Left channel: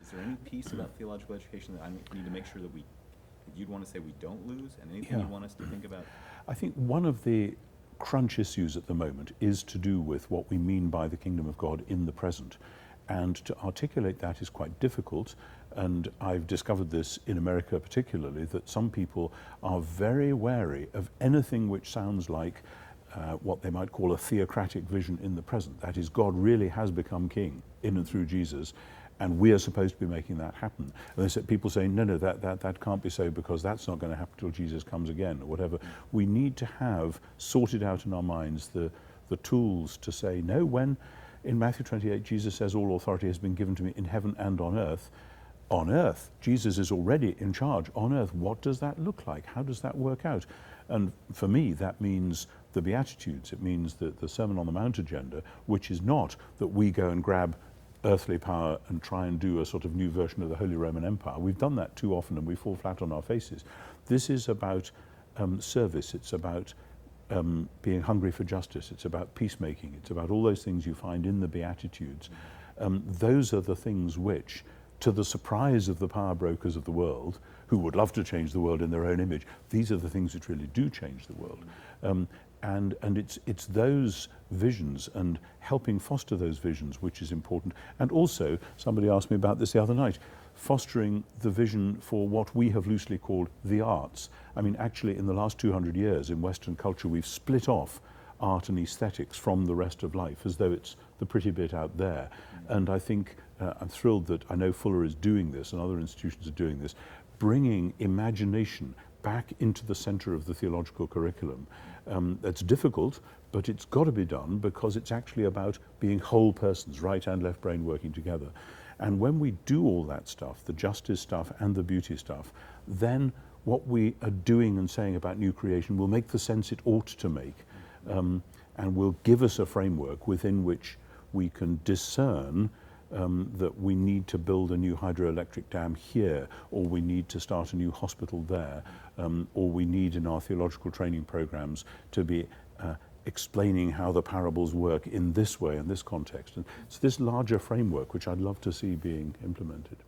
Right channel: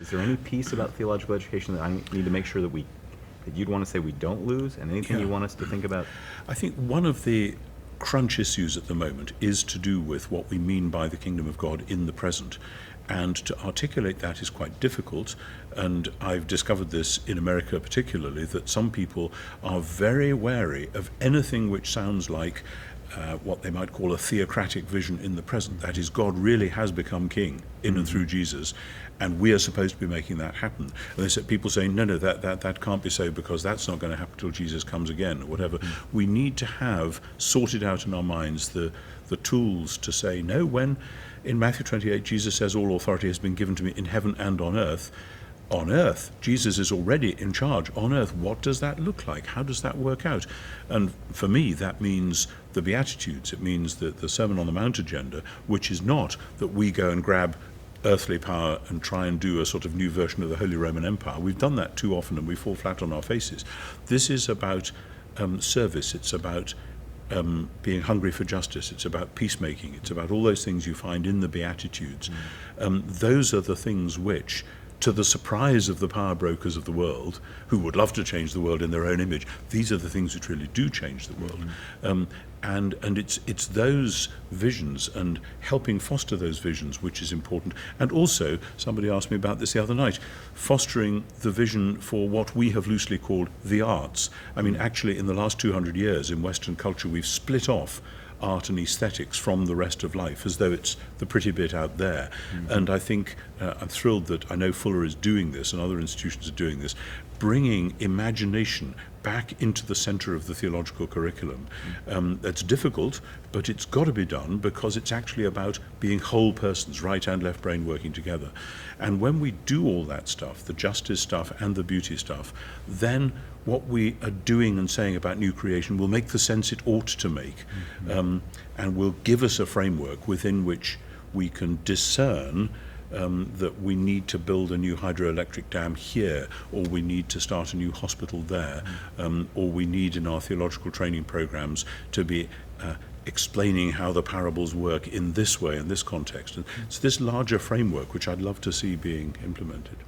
Is there any piece about theological education that I need to make sure that you'd want to say we don't lose, and anything you want us to think about? I think one of the crunch issues at the moment is to do with what we mean by the kingdom of God in the present. And to articulate that is quite difficult. And I've discovered this in America particularly, that some people are very wary of anything which sounds like what they might call a theocratic vision in the present. That is, God really has become king in and through Jesus, and we are supposed to be making that happen. And they said, people saying, no, that can't be so, because that's not going to happen till Jesus comes again, or whatever. We need to have sorted out in our minds the tools to say, no, when in Matthew 28 Jesus says all authority has been given to me in heaven and on earth, Jesus is already in charge. On earth, what does that look like? How does that work out? And for me, that means the Beatitudes. It means the Sermon on the Mount agenda, which is not that we go and grab earthly power and try and do a sort of new version of the Holy Roman Empire. We've done that too often and we fall flat on our faces. This is about service. It's about being hungry for justice. It's about peacemaking. It's about all those things you find in the Beatitudes. Those are the things which, to the surprise of the power brokers of the world, who would love to change the world in their own image, these are the things which really do change the world. And it's those visions and helping foster those visions which is important. And also, somebody asked me about this the other night, fostering the vision for what we have loosely called the arts. I mean, actually, in the last 200 years in Western culture, we've split off art and aesthetics from the rest of life, as though it's the pretty bit out there. And I think I'm thrilled that I know Fuller is doing this and other institutions are doing this, bringing imagination back into the center of the theological curriculum. That's difficult, but it's got to be done, because it's actually about being whole persons, right and left brain working together. And when we do all that stuff, the justice stuff and the beauty stuff, then what we are doing and saying about new creation will make the sense it ought to make, and will give us a framework within which we can discern that we need to build a new hydroelectric dam here, or we need to start a new hospital there, or we need in our theological training programs to be explaining how the parables work in this way, in this context. And it's this larger framework which I'd love to see being implemented.